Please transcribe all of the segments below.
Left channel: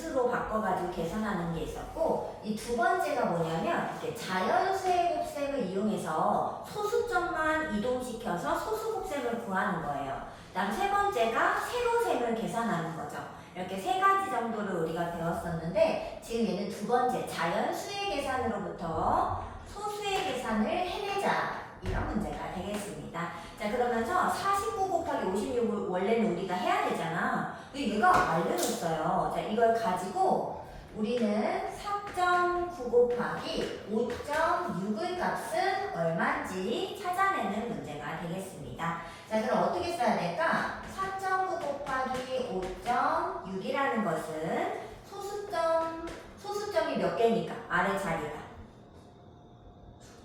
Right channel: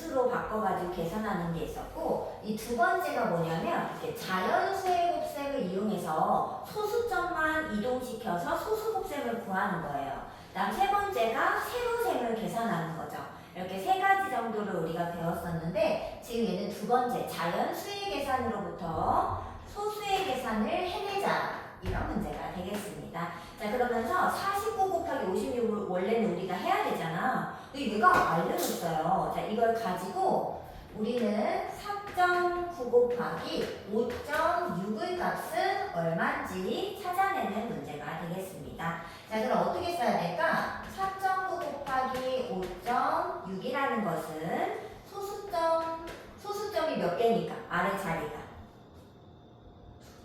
분수로 바꿔가지고 계산하는 게 있었고, 이 두 번째가 뭐냐면 이렇게 자연수의 곱셈을 이용해서 소수점만 이동시켜서 소수 곱셈을 구하는 거예요. 다음 세 번째가 세로셈을 계산하는 거죠. 이렇게 세 가지 정도를 우리가 배웠었는데, 지금 얘는 두 번째 자연수의 계산으로부터 소수의 계산을 해내자, 이런 문제가 되겠습니다. 자, 그러면서 49 곱하기 56을 원래는 우리가 해야 되잖아. 근데 얘가 알려줬어요. 자, 이걸 가지고 우리는 4.9 곱하기 5.6의 값은 얼마인지 찾아내는 문제가 되겠습니다. 자, 그럼 어떻게 써야 될까? 4.9 곱하기 5.6이라는 것은 소수점이 몇 개니까? 아래 자리가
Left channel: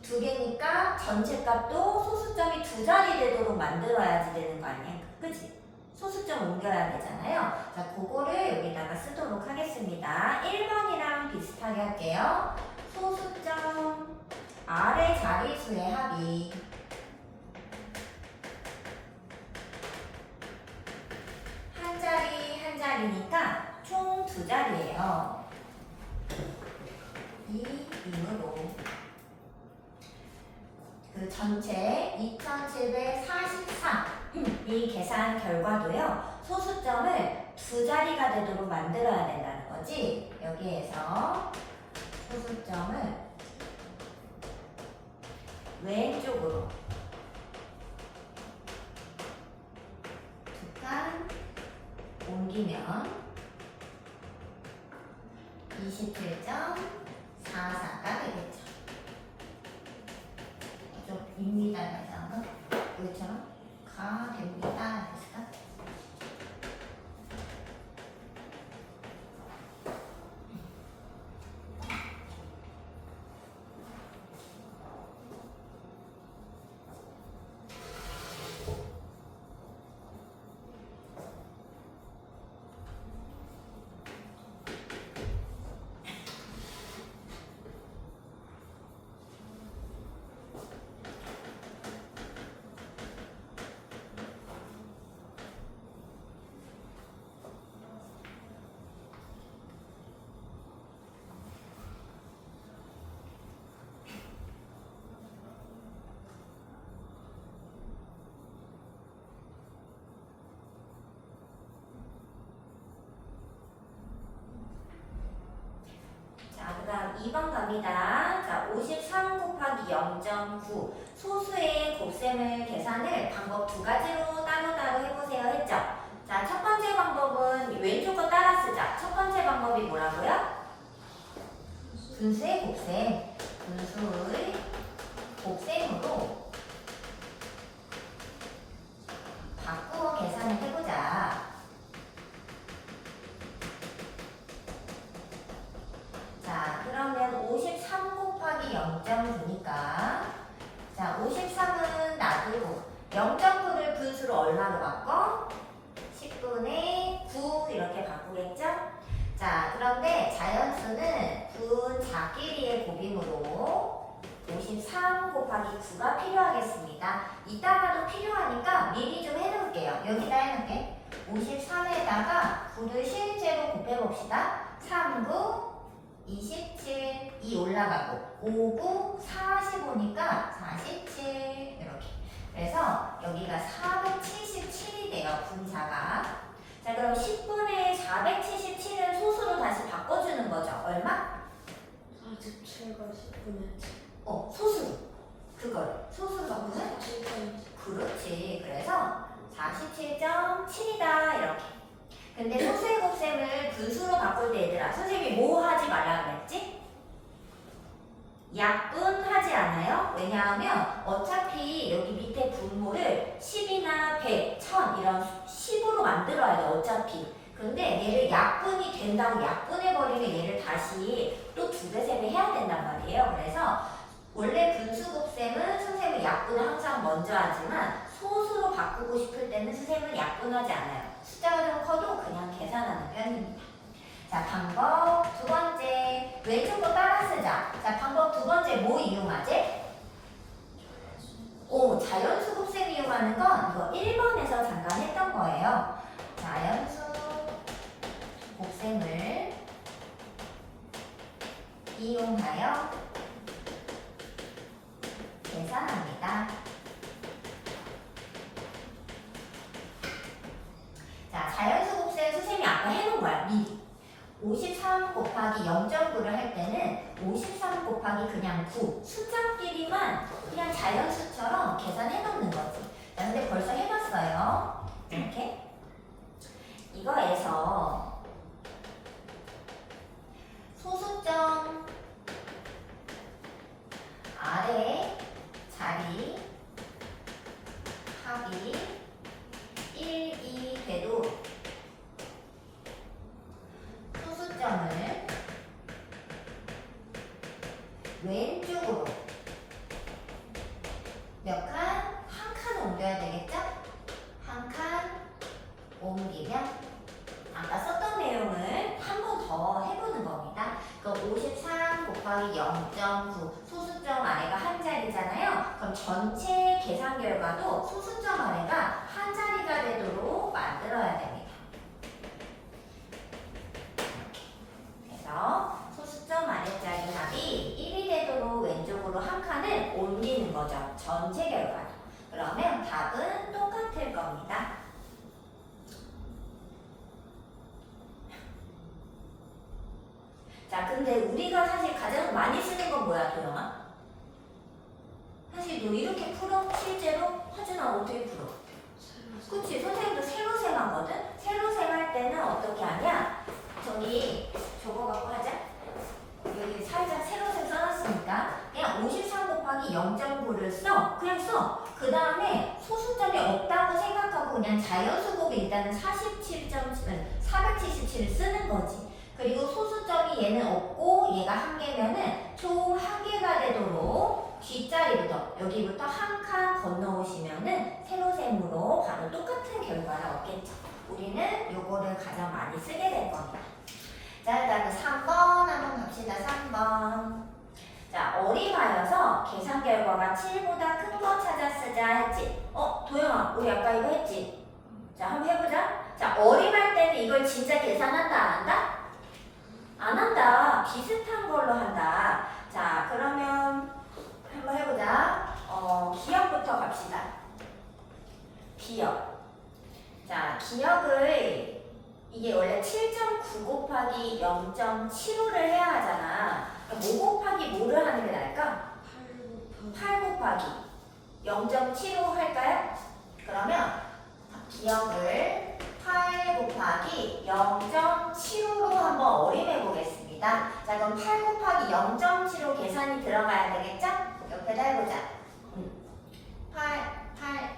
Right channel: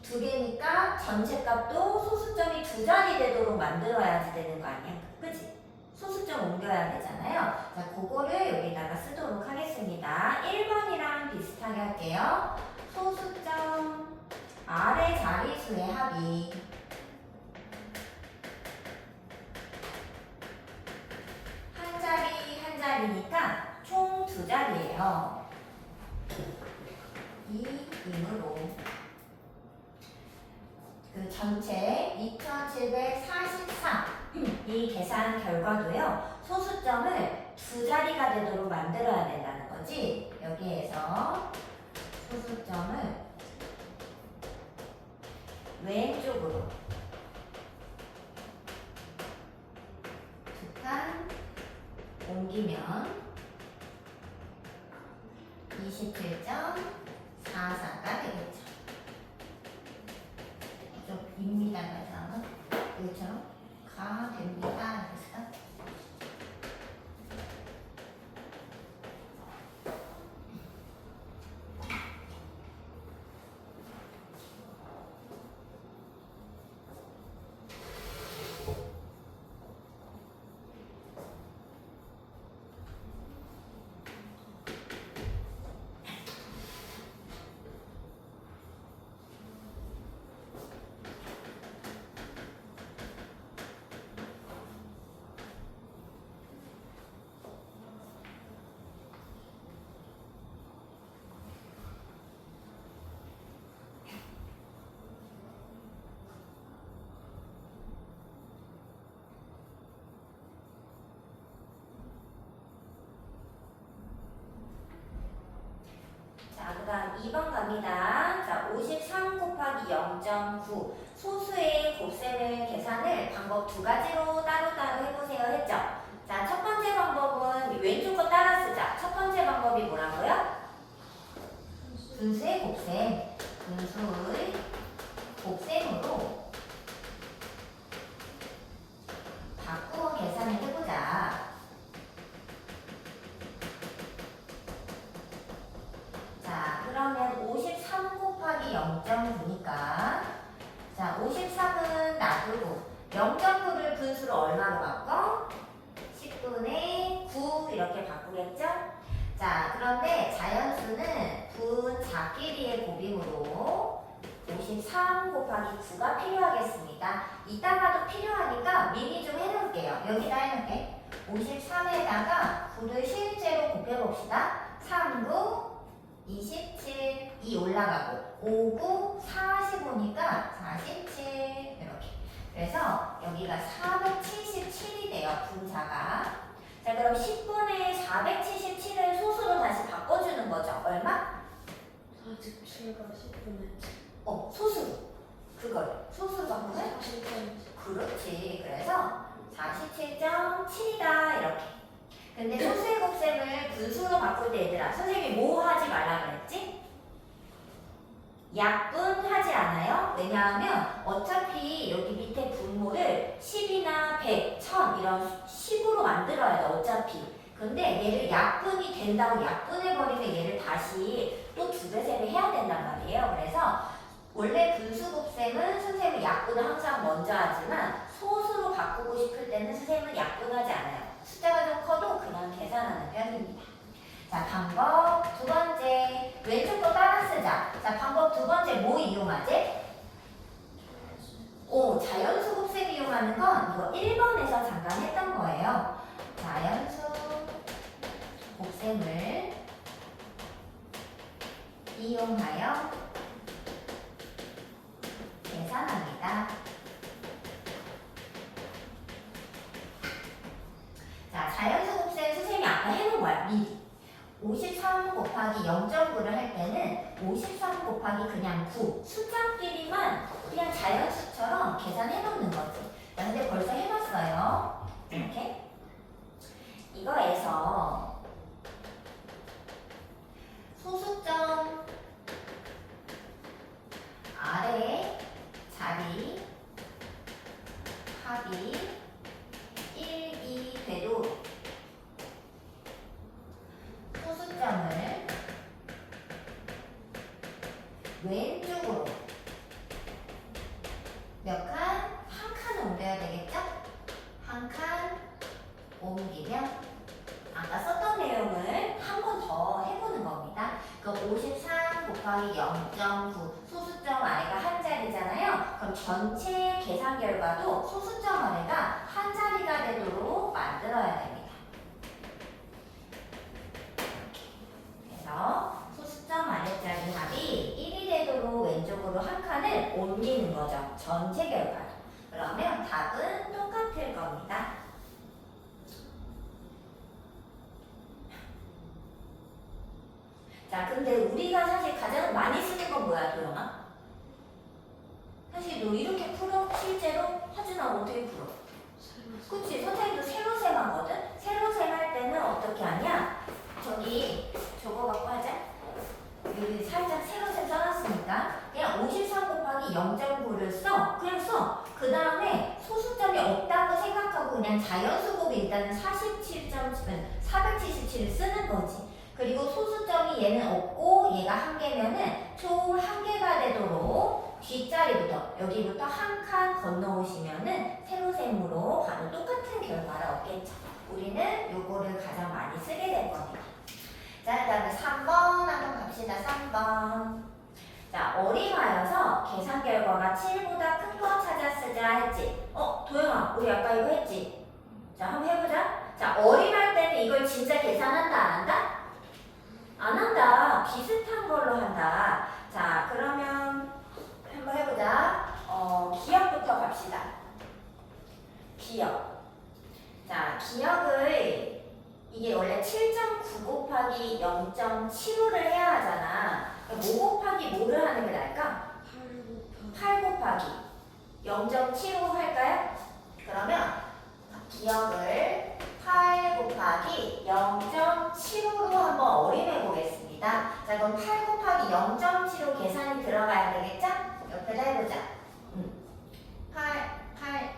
두 개니까 전체 값도 소수점이 두 자리 되도록 만들어야지 되는 거 아니야? 그치? 소수점 옮겨야 되잖아요. 자, 그거를 여기다가 쓰도록 하겠습니다. 1번이랑 비슷하게 할게요. 소수점 아래 자리수의 합이 한 자리 한 자리니까 총 두 자리예요. 이 임으로 그 전체 2743 이 계산 결과도요, 소수점을 두 자리가 되도록 만들어야 된다는 거지. 여기에서 소수점을 왼쪽으로 두 칸 옮기면 27.44가 되겠죠. 좀 입니다 가잖아. 이것처럼 가 됩니다. 됐을까? 자, 그 다음 2번 갑니다. 자, 53 곱하기 0.9 소수의 곱셈을 계산을 방법 두 가지로 따로따로 해보세요 했죠? 자, 첫 번째 방법은 왼쪽 거 따라 쓰자. 첫 번째 방법이 뭐라고요? 분수의 곱셈. 분수의 곱셈으로 바꾸어 계산을 해보자. 자, 그러면 53 곱하기 0.9니까 자, 53은 놔두고 0.9를 분수로 얼마로 바꿔? 10분의 9 이렇게 바꾸겠죠? 자, 그런데 자연수는 분 자끼리의 곱임으로 53 곱하기 9가 필요하겠습니다. 이따가도 필요하니까 미리 좀 해놓을게요. 여기다 해놓을게. 53에다가 9를 실제로 곱해봅시다. 3, 9 27, 2 올라가고 5, 9, 45니까 47 이렇게. 그래서 여기가 477이 돼요. 분자가. 자, 그럼 10분의 477을 소수로 다시 바꿔주는 거죠. 얼마? 47과 10분의 7. 소수. 그걸 소수로 바꾸면? 47.7. 그렇지. 그래서 47.7이다 이렇게. 근데 소수의 곱셈을 분수로 바꿀 때 얘들아, 선생님이 뭐 하지 말라 그랬지? 약분하지 않아요? 왜냐하면 어차피 여기 밑에 분모를 10이나 100, 1000 이런 10으로 만들어야 돼 어차피. 근데 얘를 약분이 된다고 약분해버리면 얘를 다시 또 두 배, 세 배 해야 된단 말이에요. 그래서 원래 분수 곱셈은 선생님은 약분을 항상 먼저 하지만 소수로 바꾸고 싶을 때는 선생님은 약분하지 않아요. 숫자가 좀 커도 그냥 계산하는 편입니다. 자, 방법 두 번째. 왼쪽 거 따라 쓰자. 자, 방법 두 번째 뭐 이용하지? 자연수 곱셈 이용하는 건 이거 1번에서 잠깐 했던 거예요. 자연수 곱셈을 이용하여 계산합니다. 자, 자연수 곱셈 선생님이 아까 해놓은 거야, 미리. 53 곱하기 0.9를 할 때는 53 곱하기 그냥 9 숫자끼리만 그냥 자연수처럼 계산해 놓는 거지. 자, 근데 벌써 해놨어요. 이렇게 이거에서 소수점 아래 자리 합이 1, 2 되도록 소수점을 왼쪽으로 몇 칸? 한 칸 옮겨야 되겠죠? 한 칸 옮기면 아까 썼던 내용을 한 번 더 해보는 겁니다. 그 53 곱하기 0.9 소수점 아래가 한 자리잖아요. 그럼 전체 계산 결과도 소수점 아래가 한 자리가 되도록 만들어야 됩니다. 그래서 소수점 아래자리 합이 1이 되도록 왼쪽으로 한 칸을 옮기는 거죠. 전체 결과로. 그러면 답은 똑같을 겁니다. 자, 근데 우리가 사실 가장 많이 쓰는 건 뭐야, 도영아? 사실 너 이렇게 풀어? 실제로? 하진아 어떻게 풀어? 그치, 선생님도 세로셈 하거든? 세로셈 할 때는 어떻게 하냐? 저기 저거 갖고 하자. 여기 살짝 세로셈 써놨으니까 그냥 53 곱하기 0.9를 써. 그냥 써. 그 다음에 소수점이 없다고 생각하고 그냥 자연수곱 일단은 477을 쓰는 거지. 그리고 소수점이 얘는 없고 얘가 한 개면은 총 한 개가 되도록 뒷자리부터 여기부터 한 칸 건너오시면은 세로셈으로 바로 똑같은 결과를 얻겠죠. 우리는 요거를 가장 많이 쓰게 될 겁니다. 자, 그다음에 3번 한번 갑시다. 3번. 자, 어림하여서 계산 결과가 7보다 큰 거 찾아 쓰자 했지. 도영아, 우리 아까 이거 했지? 자, 한번 해보자. 자, 어림할 때는 이걸 진짜 계산한다, 안 한다? 안 한다. 비슷한 걸로 한다. 자, 그러면 한번 해보자. 기억부터 갑시다. 기억. 자, 기억을 이게 원래 7.9 곱하기 0.75를 해야 하잖아. 뭐 곱하기 뭐를 하는 게 나을까? 8 곱하기 0.75 할까요? 그러면 기억을 8 곱하기 0.75로 한번 어림해 보겠습니다. 자, 그럼 8 곱하기 0.75 계산이 들어가야 되겠죠? 옆에다 해보자.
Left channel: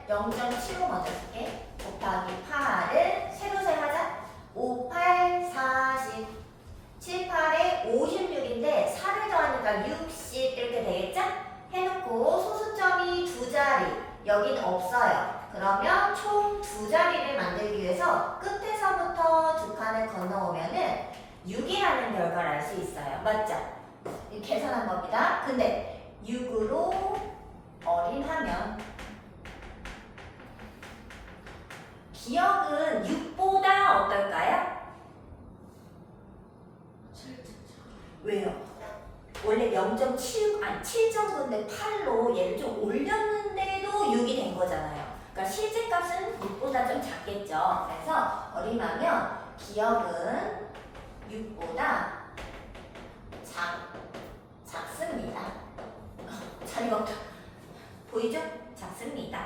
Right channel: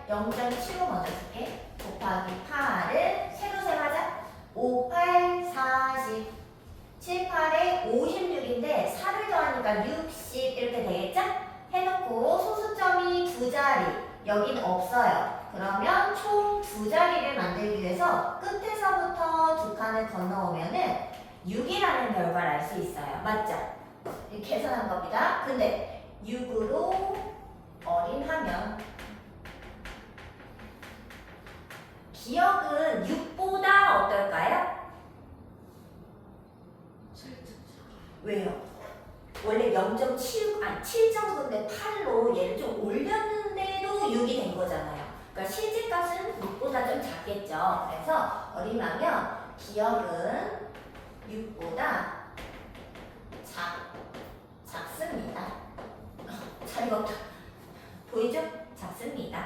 0.75 먼저 쓸게. 곱하기 8을 세로셈 하자. 5, 8, 40. 7, 8에 56인데 4를 더하니까 60 이렇게 되겠죠? 해놓고 소수점이 두 자리. 여긴 없어요. 그러면 총 두 자리를 만들기 위해서 끝에서부터 두 칸을 건너오면은 6이라는 결과를 알 수 있어요. 맞죠? 이렇게 계산한 겁니다. 근데 6으로 어림하면 기억은 6보다 어떨까요? 왜요? 원래 7.9인데 8로 얘를 좀 올렸는데도 6이 된 거잖아요. 그러니까 실제 값은 6보다 좀 작겠죠. 그래서 어림하면 기억은 6보다 작습니다. 잘 익었다. 보이죠? 작습니다.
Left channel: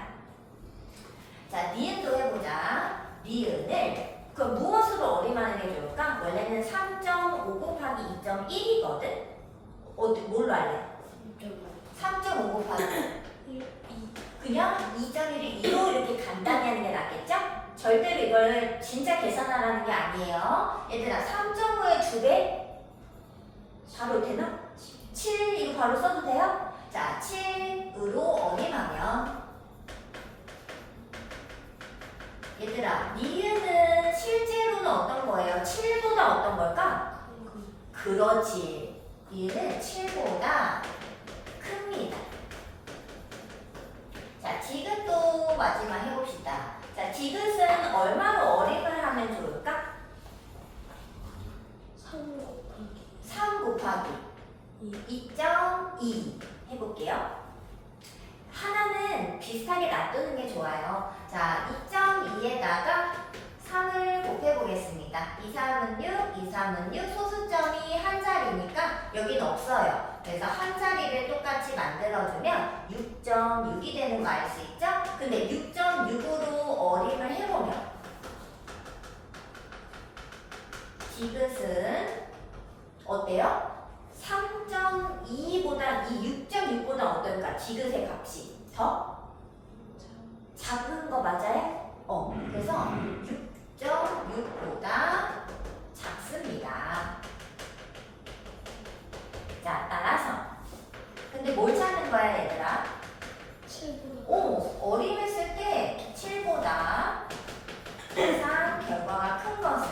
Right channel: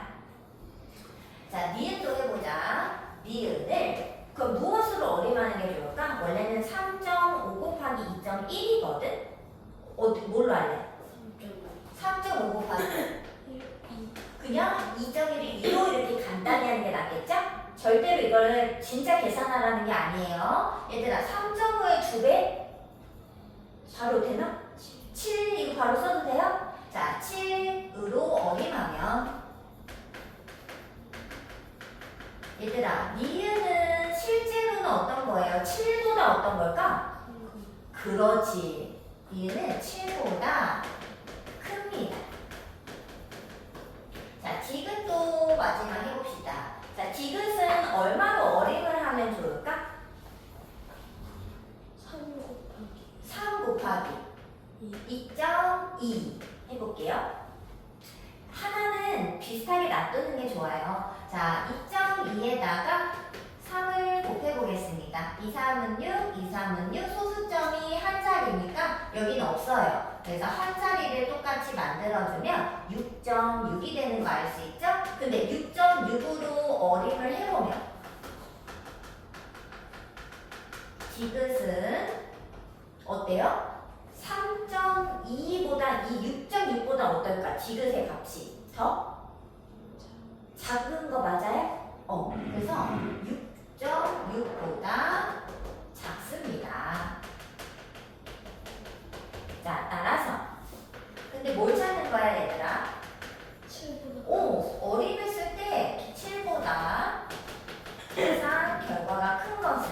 자, 니은도 해보자. 니은을 그럼 무엇으로 어림하는 게 좋을까? 원래는 3.5 곱하기 2.1이거든? 뭘로 할래? 3.5 곱하기 그냥 2.1을 2로 이렇게 간단히 하는 게 낫겠죠? 절대로 이걸 진짜 계산하라는 게 아니에요. 얘들아, 3.5의 2배? 바로 되나? 7 이거 바로 써도 돼요? 자, 7으로 어림하면 얘들아, 니은은 실제로는 어떤 거예요? 7보다 어떤 걸까? 그렇지. 니은은 7보다 큽니다. 자, 디귿도 마지막 해봅시다. 자, 디귿은 얼마로 어림을 하면 좋을까? 3 곱하기 2.2 해볼게요. 하나는 비슷하게 놔두는 게 좋아요. 자, 2.2에다가 3을 곱해보겠습니다. 2, 3은 6, 2, 3은 6, 소수점이 한 자리니까 여기는 없어요. 그래서 한 자리를 똑같이 만들어주면 6.6이 되는 거 알 수 있죠? 근데 6.6으로 어림을 해보면 디귿은 어때요? 3.2보다 이 6.6보다 어떨까? 디귿의 값이 더 작은 거 맞아요? 그래서 6.6보다 작습니다. 자, 따라서 근데 뭘 찾는 거야, 얘들아? 7보다 어림했을 때 7보다 항상 결과가 큰 것은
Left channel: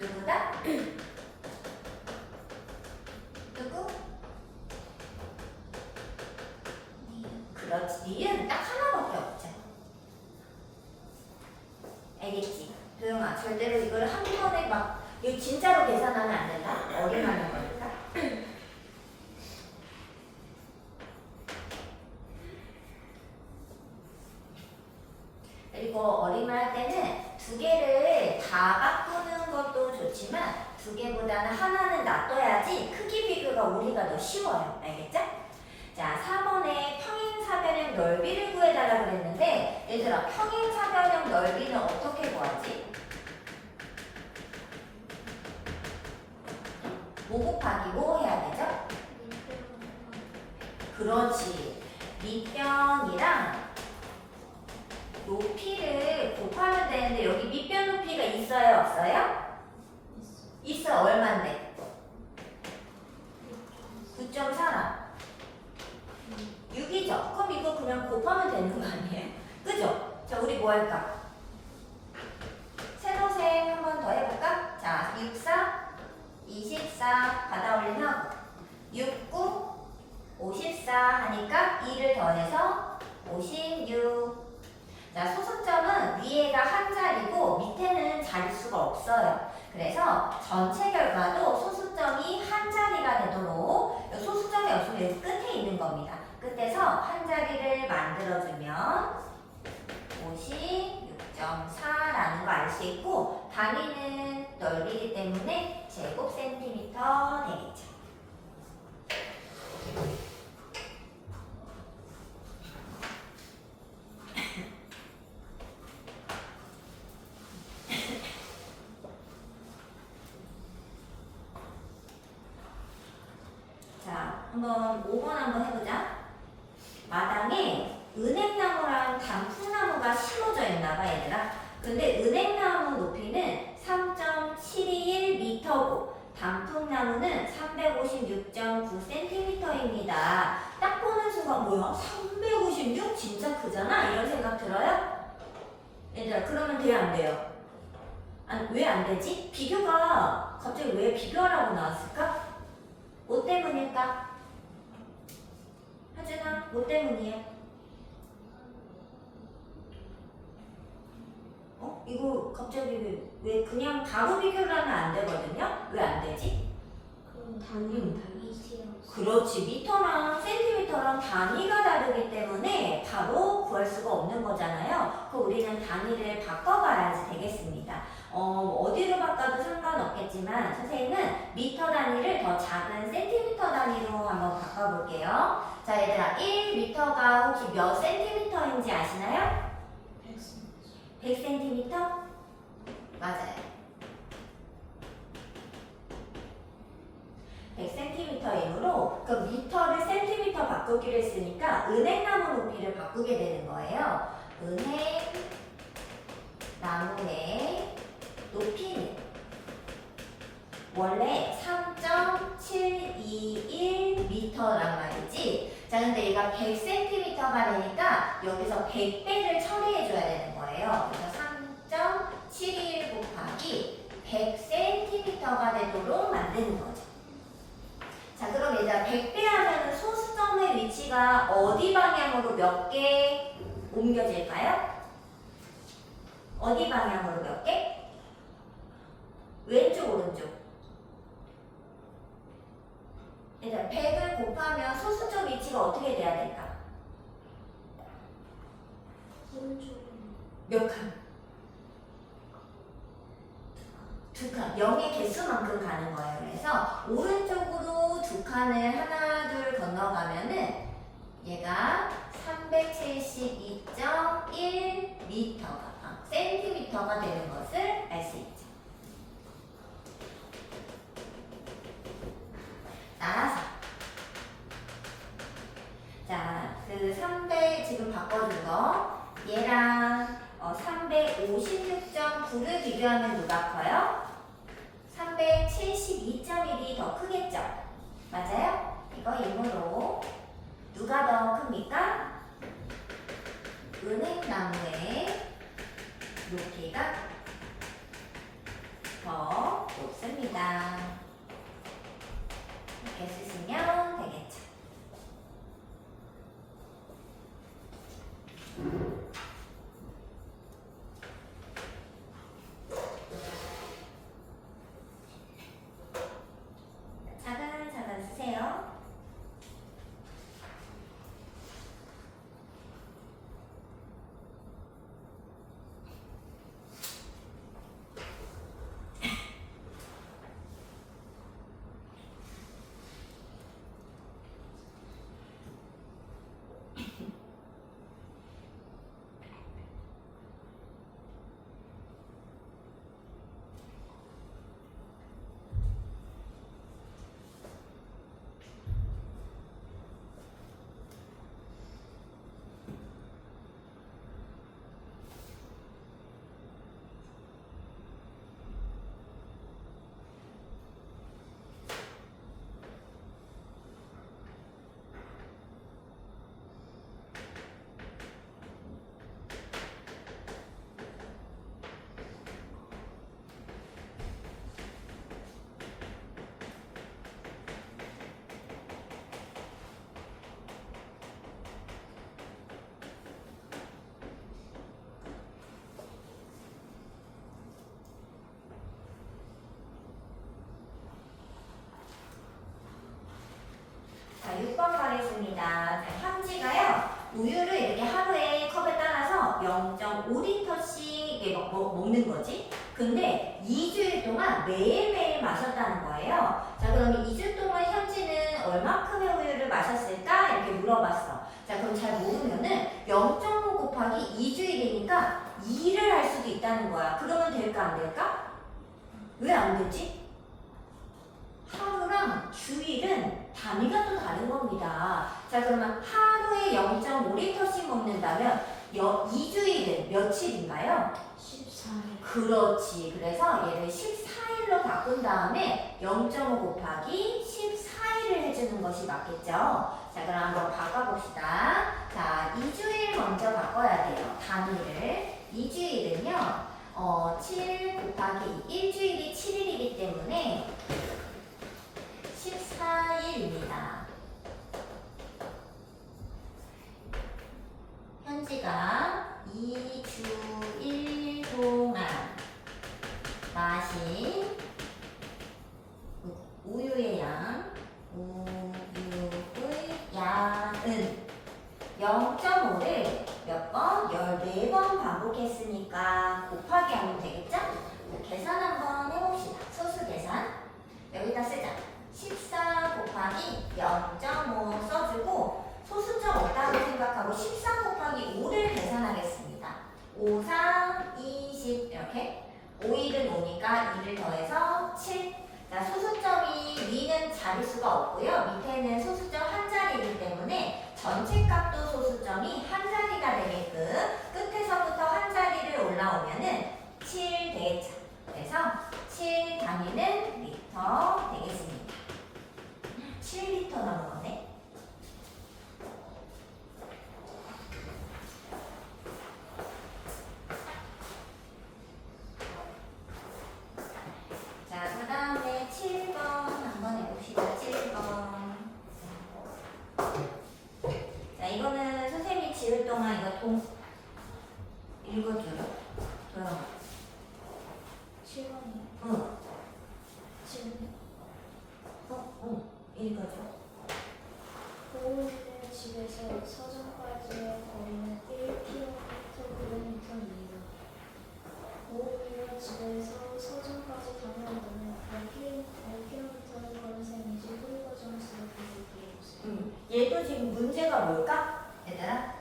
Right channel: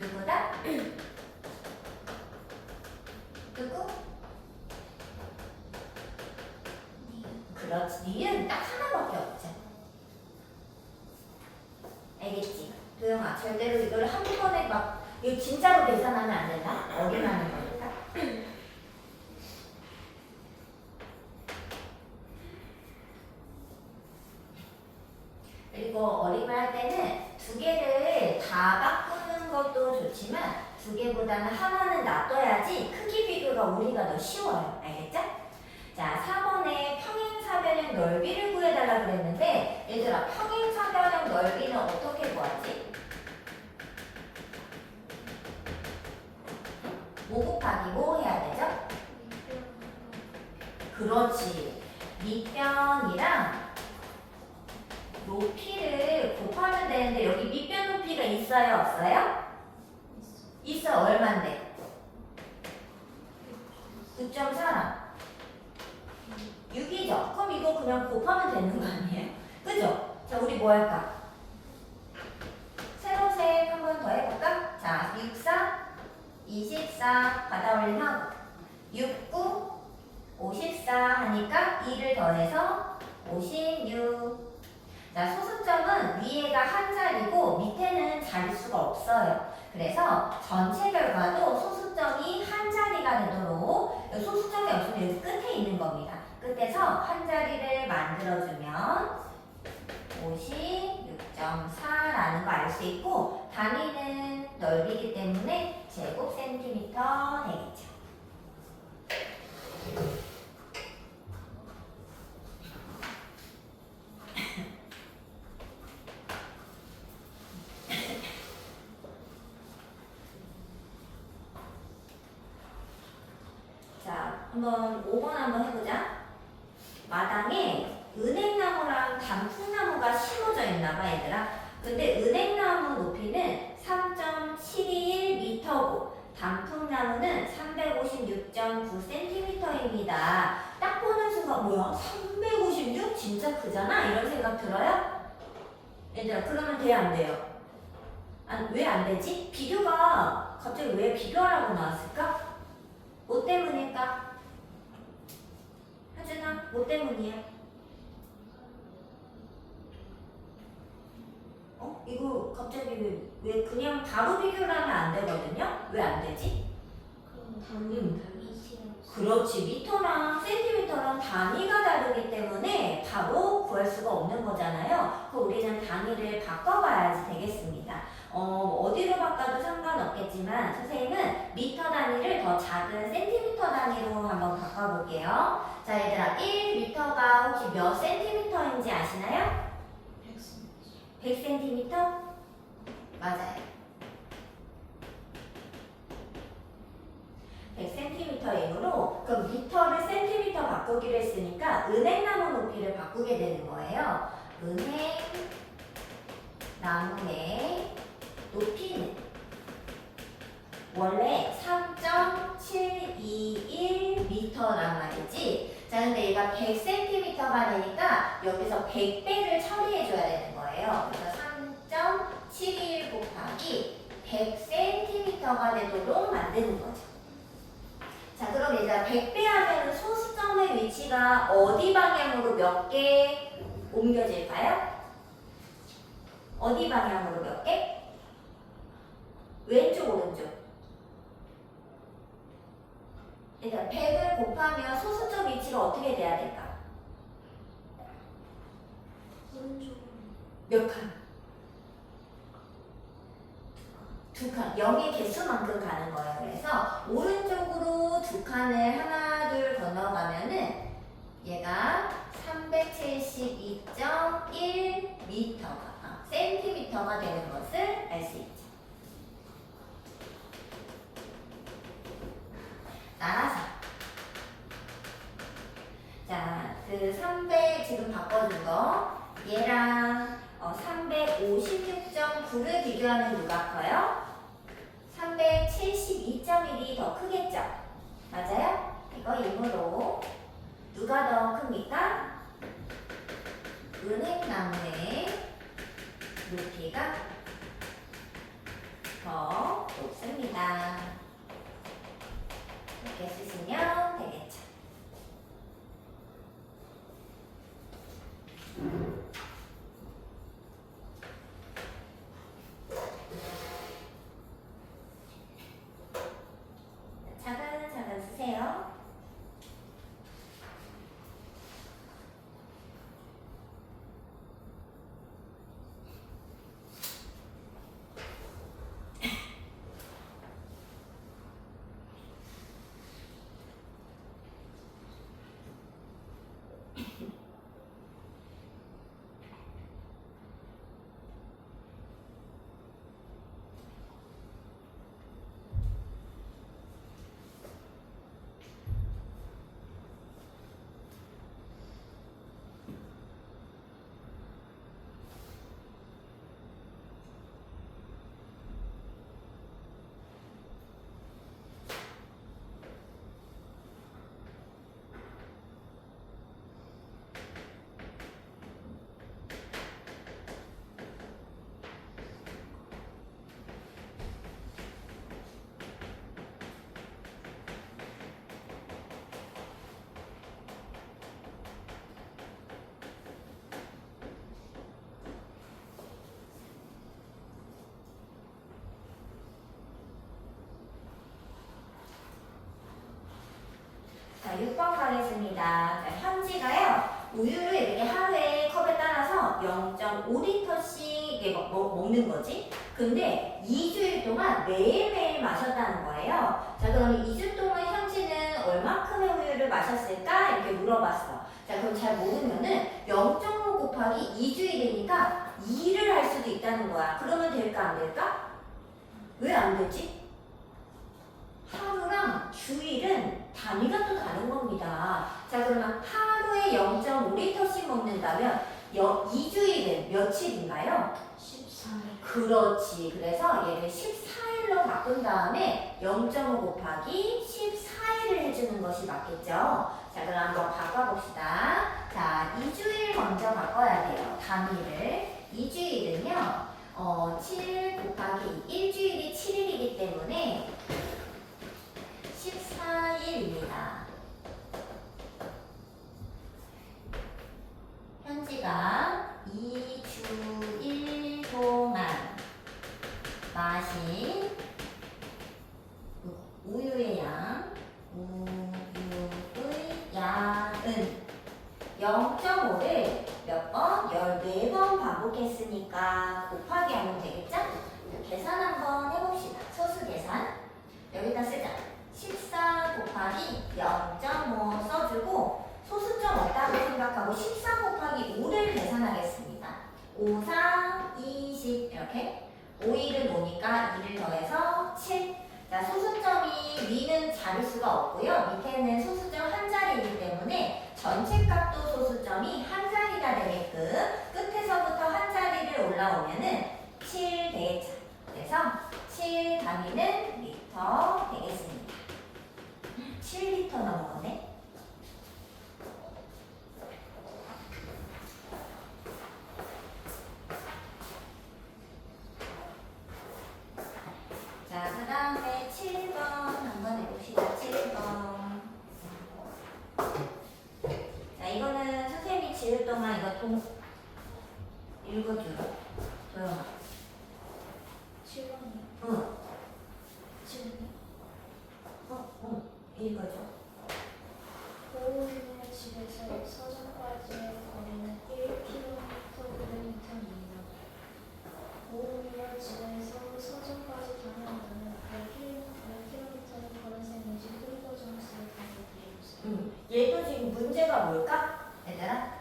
누구다? 누구? 그렇지. 니은 딱 하나밖에 없죠. 알겠지? 도영아, 절대로 이걸 한 번에 막 이거 진짜로 계산하면 안 된다. 어림하는 거니까. 그리고 어림을 할 때는 두 개를 다 바꾸는 것도 좋지만 두 개보다는 하나는 놔둬야지 크기 비교가 우리가 더 쉬워요. 알겠죠? 자, 4번에 평행사변형 넓이를 구해달라 그랬는데 얘들아, 평행사변형 넓이는 어떻게 구하지? 뭐 곱하기 뭐 해야 되죠? 그렇지. 밑변이랑 높이를 곱하면 되는데 여기 밑변 높이가 있어요? 없어요? 있어. 얼만데? 9.4랑 6이죠? 그럼 이거 그냥 곱하면 되는 거 아니에요? 그죠? 자, 우리 뭐 할까? 세로셈 한 번 더 해볼까? 자, 6, 4, 24 받아 올림하고 6, 9, 54 하니까 2를 더해서 56. 자, 소수점은 위에가 한 자리고 밑에는 자릿수가 없어요. 그래서 전체 결과도 소수점이 한 자리가 되도록 소수점이 없으면 여기 끝에 있는 겁니다. 끝에서 한 자리를 만들어주면 56.4라는 거 알 수 있고 단위는 넓이기 때문에 제곱 센티미터 되겠죠. 자, 한번 5번 한번 해보자. 마당에 은행나무랑 단풍나무가 심어져 있나봐, 얘들아. 근데 은행나무 높이는 3.721m고 단풍나무는 356.9cm입니다. 딱 보는 순간 뭐야? 356? 진짜 크잖아? 이런 생각 들어요? 얘들아, 그러면 돼요, 안 돼요? 왜 안 되지? 비교가 갑자기 왜 비교하라고 나왔을까? 뭐 때문일까? 하준아, 뭐 때문이야? 이거 갑자기 왜 그냥 바로 비교를 하면 안 되거든요? 왜 안 되지? 그럼 단위 싫어. 그렇지. 미터랑 센티미터랑 단위가 다르기 때문에 바로 구할 수가 없는 거잖아요. 그럼 우리는 단위를 바꿔봐야지 되겠습니다. 어디로 바꿔도 상관없겠지만 선생님은 미터 단위를 더 작은 센티미터 단위로 한번 바꿔볼게요. 자, 얘들아, 1미터가 혹시 몇 센티미터인지 아시나요? 100cm? 맞아요. 100cm이므로 그 미터를 센티미터 바꾸기로 했으니까 은행나무 높이를 바꾸게 되는 거예요. 은행나무의 높이는 원래 3.721m란 말이지. 자, 근데 얘가 100cm가 되니까 여기서 100배를 처리해줘야 되는 거예요. 그래서 3.71 곱하기 100cm가 되도록 만드는 거죠. 자, 그럼 일단 100배 하면 소수점의 위치가 어디 방향으로 몇 개 옮겨질까요? 어디 방향으로 몇 개? 왼쪽, 오른쪽? 그러니까 100을 곱하면 소수점 위치가 어떻게 돼야 될까? 오른쪽으로. 몇 칸? 두 칸. 0의 개수만큼 가는 거예요. 그래서 오른쪽으로 두 칸을 하나, 둘 건너가면은 얘가 372.1m가, 센티미터가 되는 것을 알 수 있죠. 따라서. 자, 그 300 지금 바꿔준 거, 얘랑 356.9를 비교하면 누가 커요? 372.1이 더 크겠죠? 맞아요? 이거 일부러 누가 더 큽니까? 은행나무의 높이가 더 높습니다. 이렇게 쓰시면 되겠죠. 차근차근 쓰세요. 자, 6번 가겠습니다. 자, 현지가요, 우유를 이렇게 하루에 컵에 따라서 0.5리터씩 먹는 거지. 근데 2주일 동안 매일매일 마셨다는 거예요. 자, 그러면 2주 동안 현지는 얼마큼의 우유를 마셨을까? 이렇게 물어봤어. 자, 그럼 잘 모르면은 0.5 곱하기 2주일이니까 2를 할 수도 있다는 거야. 그러면 될까, 안 될까? 왜 안 되지? 하루랑 주일은 단위가 또 다른 겁니다. 자, 그러면 하루에 0.5리터씩 먹는다면 2주일은 며칠인가요? 14일. 그렇지. 그래서 얘를 14일로 바꾼 다음에 0.5 곱하기 14일을 해주는 것이 맞겠죠? 자, 그럼 한번 바꿔봅시다. 자, 2주일 먼저 바꿔야 돼요. 단위를. 2주일은요, 7 곱하기 1주일이 7일이기 때문에 14일입니다. 현지가 2주일 동안 마신 우유의 양, 우유의 양은 0.5를 몇 번? 14번 반복했으니까 곱하기 하면 되겠죠? 자, 계산 한번 해봅시다. 소수 계산. 여기다 쓰자. 14 곱하기 0.5 써주고 소수점 없다고 생각하고 14 곱하기 5를 계산하겠습니다. 5, 4, 20 이렇게 5일은 5니까 2를 더해서 7. 자, 소수점이 위는 자릿수가 없고요. 밑에는 소수점 한 자리이기 때문에 전체 값도 소수점이 한 자리가 되게끔 끝에서부터 한 자리를 올라오면은 7 되겠죠. 그래서 7 단위는 리터 되겠습니다. 7리터 나온 거네. 자, 그 다음에 7번 한번 해봅시다. 7번. 자, 이거는 선생님이 지을 동안 이거 읽어줘요. 조용. 7번이요. 응. 7번. 읽어줘. 얘도 지금 문제가 뭘까? 얘들아?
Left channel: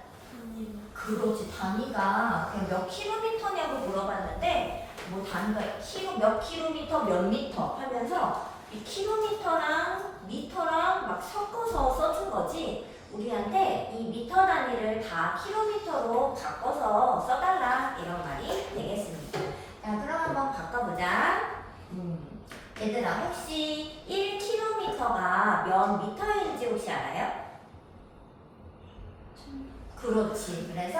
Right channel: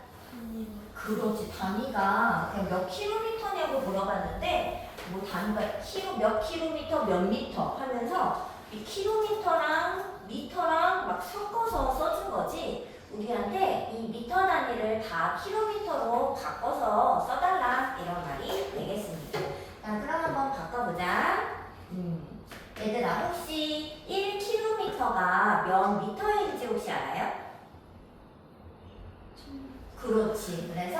그렇지. 단위가 그냥 몇 킬로미터냐고 물어봤는데 뭐 단위가 몇 킬로미터 몇 미터 하면서 이 킬로미터랑 미터랑 막 섞어서 써준 거지. 우리한테 이 미터 단위를 다 킬로미터로 바꿔서 써달라 이런 말이 되겠습니다. 자, 그럼 한번 바꿔보자. 얘들아, 혹시 1km가 몇 미터인지 혹시 알아요? 그렇지. 그래서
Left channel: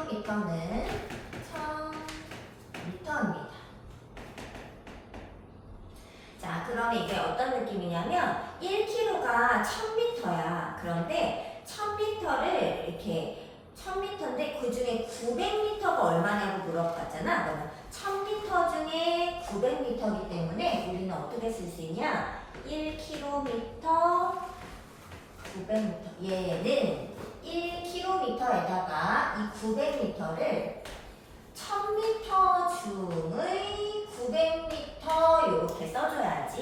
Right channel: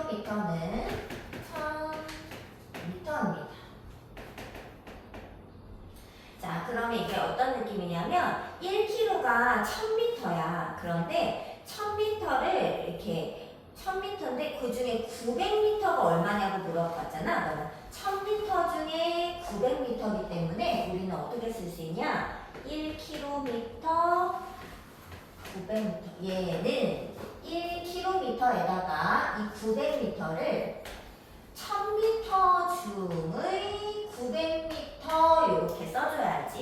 1km는 1000m입니다. 자, 그러면 이게 어떤 느낌이냐면 1km가 1000m야. 그런데 1000m를 이렇게 1000m인데 그 중에 900m가 얼마냐고 물어봤잖아. 그러면 1000m 중에 900m이기 때문에 우리는 어떻게 쓸 수 있냐? 1km 900m. 얘는 1km에다가 이 900m를 1000m 중의 900m 이렇게 써줘야지.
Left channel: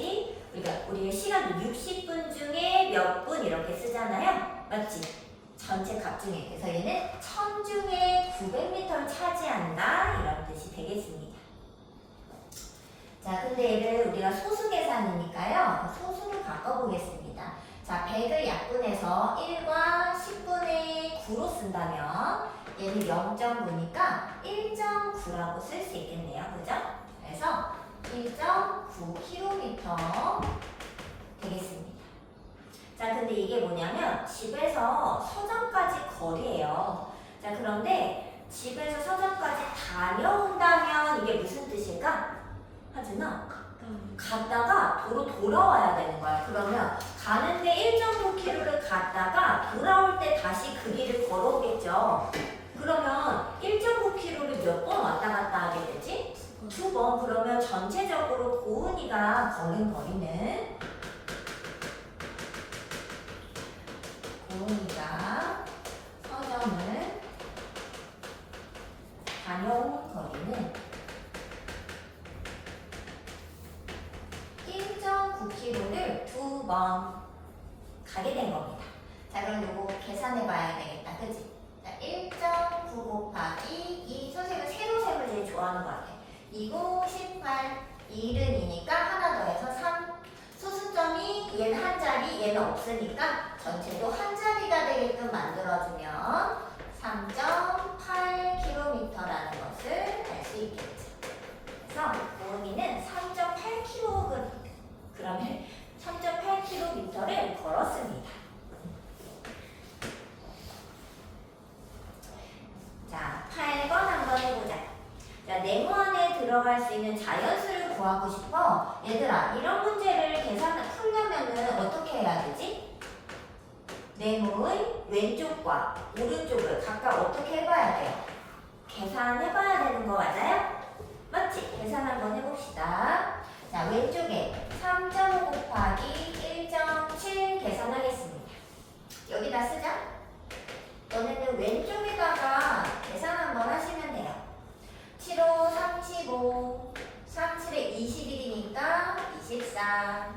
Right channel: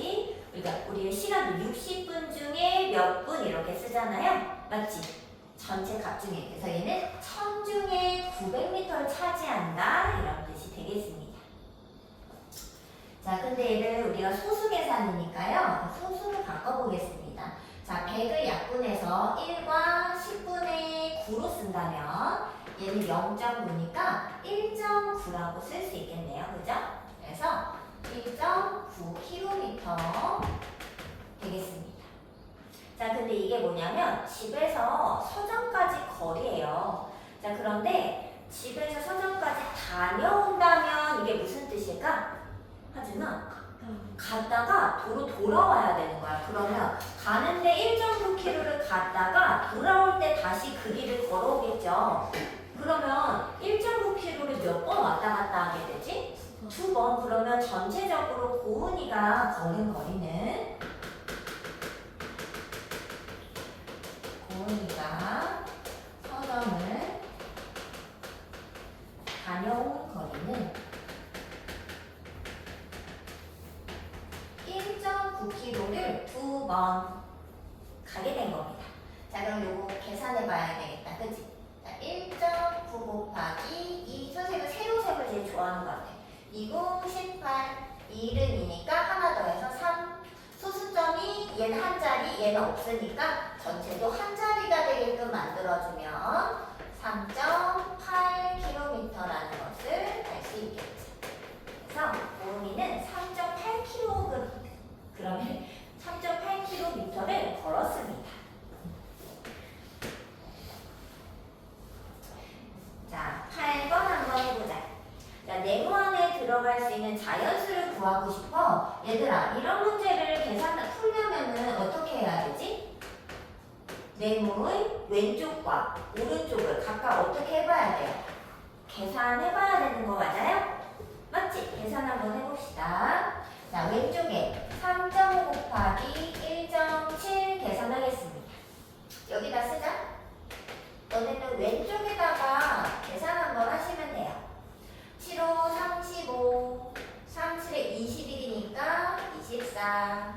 우리의 시간도 60분 중에 몇 분 이렇게 쓰잖아요. 맞지? 전체 값 중에. 그래서 얘는 1000 중에 900m를 차지한다. 이런 뜻이 되겠습니다. 자, 근데 얘를 우리가 소수 계산이니까요. 소수로 바꿔보겠습니다. 자, 100을 약분해서 1과 10분의 9로 쓴다면 얘는 0.9니까 1.9라고 쓸 수 있겠네요. 그죠? 그래서 1.9km 되겠습니다. 자, 근데 이게 뭐냐면 집에서 서점까지 거리예요. 자, 그런데 집에서 서점까지 다녀온다면 이게 무슨 뜻일까? 하지만 갔다가 도로 돌아와야 되는 거야. 그러면 가는데 1.9km를 갔다가 돌아올 때 다시 그 길을 걸어오겠죠. 그러면 1.9km를 몇 번 왔다 갔다 하게 되지? 2번. 그러면 전체적으로 고은이가 걸은 거리는 고은이가 서점을 다녀온 거리는 1.9km를 2번 가게 된 겁니다. 자, 그럼 요거 계산해 봐야 되겠다. 그치? 자, 1.9 곱하기 2. 선생님은 세로셈을 제일 좋아하는 것 같아. 20, 18, 1은 2니까 하나 더해서 3. 소수점이 얘는 한 자리, 얘는 없으니까 전체도 한 자리가 되게끔 만들어주면 3.8km라는 것을 알 수 있겠죠. 그래서 고은이는 3.8km, 그러면 3.8km를 걸었습니다. 자, 8번 한번 해보자. 자, 네모 안에 들어갈 수 있는 자연수를 구하고 싶어. 얘들아, 이런 문제를 풀려면은 어떻게 해야 되지? 네모의 왼쪽과 오른쪽을 각각 어떻게 해봐야 돼요? 계산해봐야 되는 거 맞아요? 맞지? 계산 한번 해봅시다. 자, 왼쪽에 3.5 곱하기 1.7 계산하겠습니다. 여기다 쓰자. 너네는 왼쪽에다가 계산 한번 하시면 돼요. 7호 35, 37에 21이니까 24,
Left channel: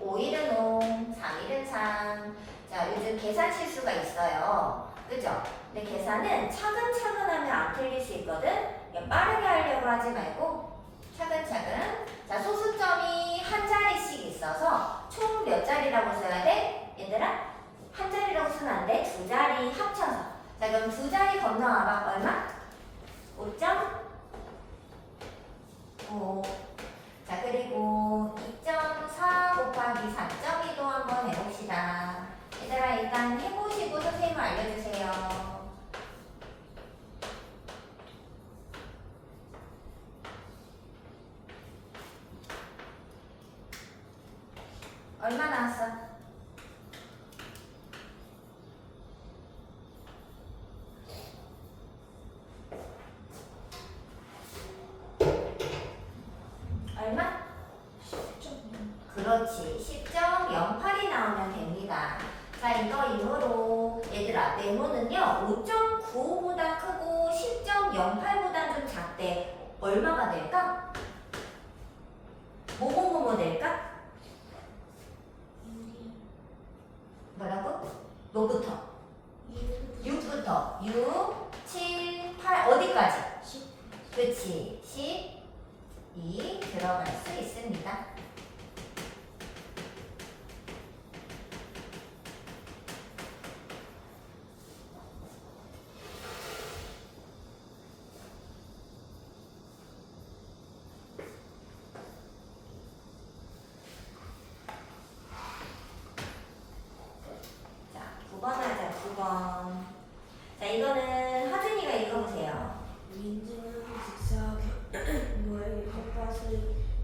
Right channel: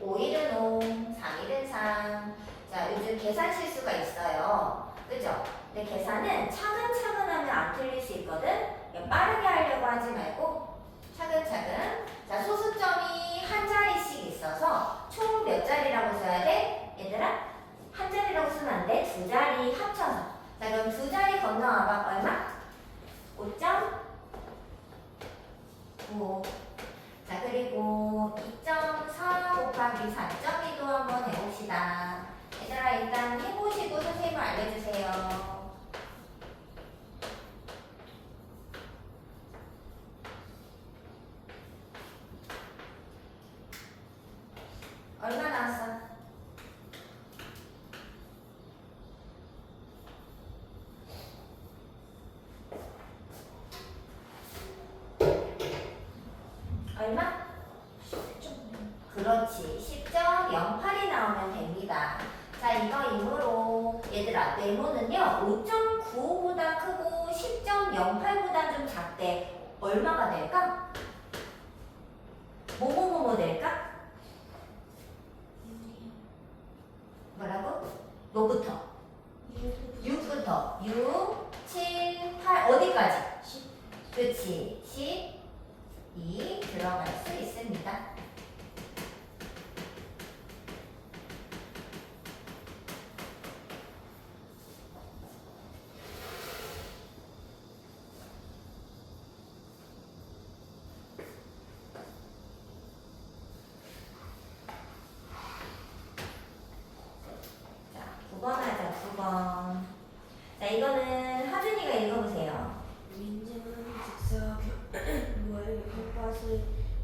5일은 5, 3일은 3. 자, 요즘 계산 실수가 있어요. 그죠? 근데 계산은 차근차근 하면 안 틀릴 수 있거든? 빠르게 하려고 하지 말고 차근차근. 자, 소수점이 한 자리씩 있어서 총 몇 자리라고 써야 돼? 얘들아? 한 자리라고 쓰면 안 돼. 두 자리 합쳐서. 자, 그럼 두 자리 건너와봐. 얼마? 5.5. 자, 그리고 2.4 곱하기 4.2도 한번 해봅시다. 얘들아, 일단 해보시고 선생님 알려주세요. 얼마 나왔어? 얼마? 10.0. 그렇지. 10.08이 나오면 됩니다. 자, 이거 이후로 얘들아, 네모는요 5.95보다 크고 10.08보다 좀 작대. 얼마가 될까? 뭐뭐뭐뭐 될까? 들어갈 수 있습니다. 자, 9번 하자, 9번. 자, 이거는 하준이가 읽어보세요. 민지는 직사각모의 꽃밭을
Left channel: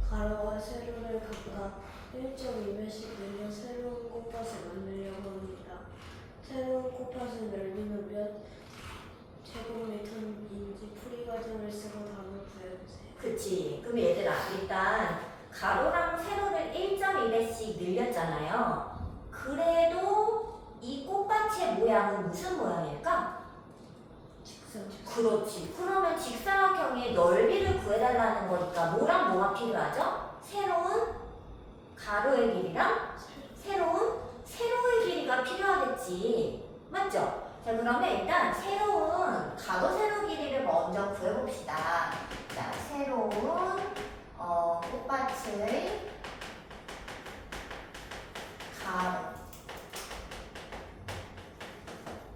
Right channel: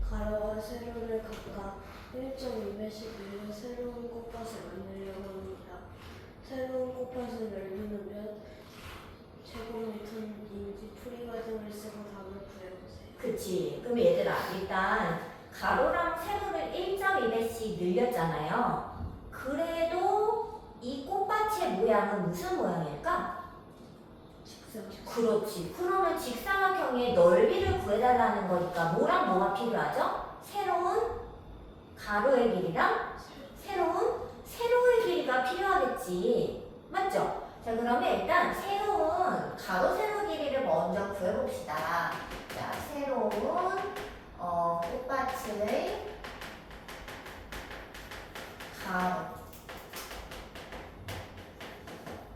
가로와 세로를 각각 1.2배씩 늘려 새로운 꽃밭을 만들려고 합니다. 새로운 꽃밭은 넓이는 몇 제곱미터인지 풀이 과정을 쓰고 답을 구해보세요. 그치. 그럼 얘들아, 일단 가로랑 세로를 1.2배씩 늘렸잖아요. 그래도 이 꽃밭의 모양은 무슨 모양일까? 그렇지. 그러면 직사각형의 넓이를 구해달라는 거니까 뭐랑 뭐가 필요하죠? 새로운 가로의 길이랑 새로운 세로의 길이가 필요하겠지. 맞죠? 자, 그러면 일단 새로운 가로 세로 길이를 먼저 구해봅시다. 자, 새로운 꽃밭의 가로.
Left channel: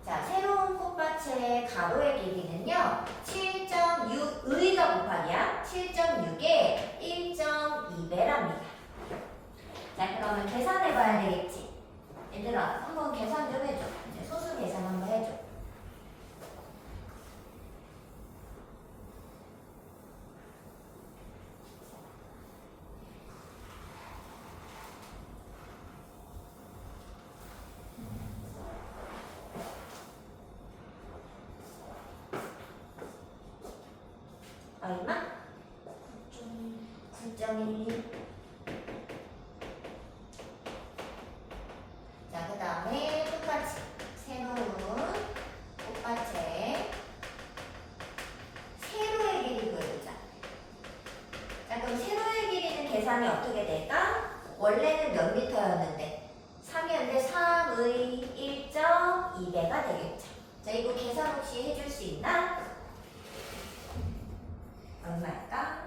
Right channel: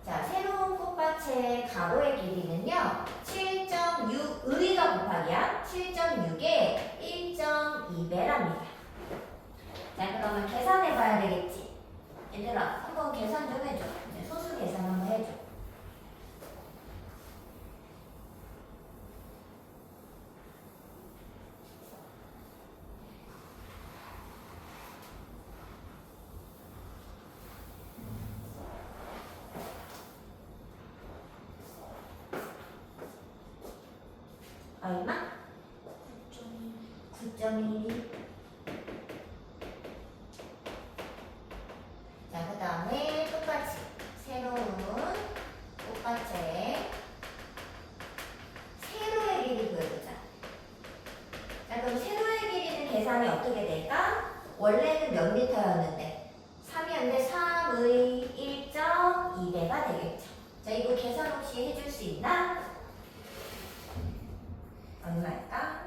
자, 새로운 꽃밭의 가로의 길이는요, 7.6, 의가 곱하기야. 7.6에 1.2배랍니다. 자, 그러면 계산해봐야 되겠지. 얘들아, 한번 계산 좀 해줘. 이제 소수 계산 한번 해줘. 얼마? 9.1. 자, 그 다음에 똑같이 새로운 꽃밭에 세로의 길이 구해보자. 자, 그럼 세로의 길이는 계산이 어떻게 될까? 원래는 몇 미터였는데 3이었는데 3의 1.2배가 되겠죠. 자, 이거 계산 혹시 해줄 수 있나? 얼마일까?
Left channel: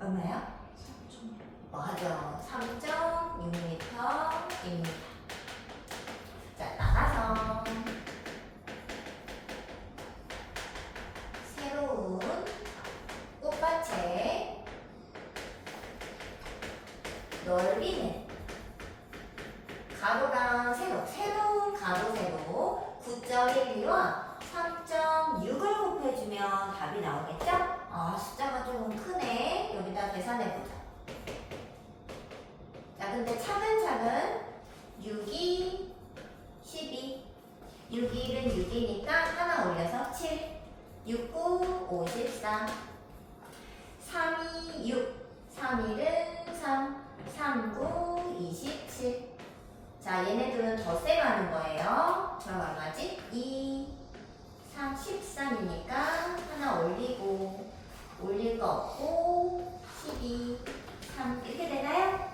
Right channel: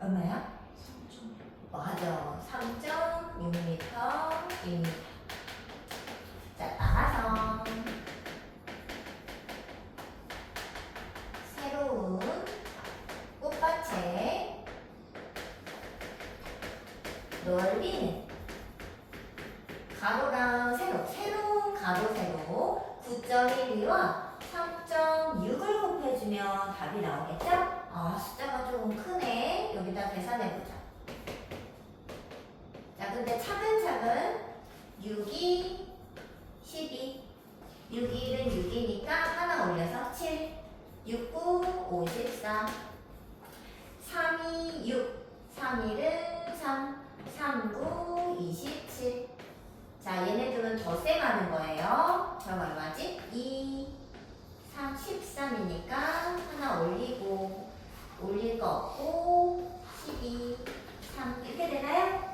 얼마야? 3.6. 맞아. 3.6m입니다. 자, 따라서 새로운 꽃밭의 넓이는 가로랑 세로, 새로운 가로 세로 9.12와 3.6을 곱해주면 답이 나오겠죠? 아, 숫자가 조금 크네. 여기다 계산해보자. 자, 근데 차근차근 6이 12, 6이 1은 6이니까 하나 올려서 7, 6, 9, 54, 3이 6, 3, 1은 3, 3, 9, 27. 자, 얘네들은 덧셈하는 거예요. 그럼 얼마지? 2, 3, 13이니까 하나 올리고 올릴 거 없고 12, 3 이렇게 되나요?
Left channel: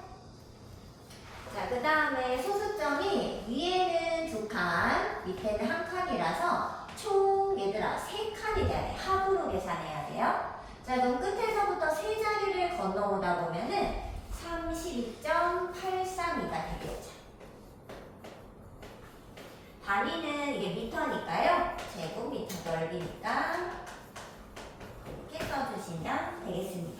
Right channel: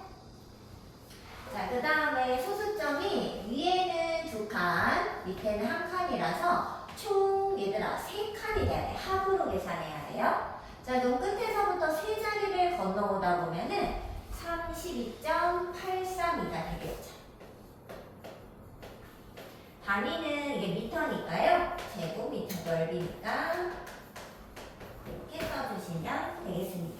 자, 그 다음에 소수점이 위에는 2칸, 밑에는 1칸이라서 총 얘들아 3칸이 돼야 돼. 합으로 계산해야 돼요. 자, 그럼 끝에서부터 세 자리를 건너오다 보면은 32.832가 되겠죠. 단위는 이게 미터니까요. 제곱미터 넓이니까 이렇게 써주시면 되겠습니다.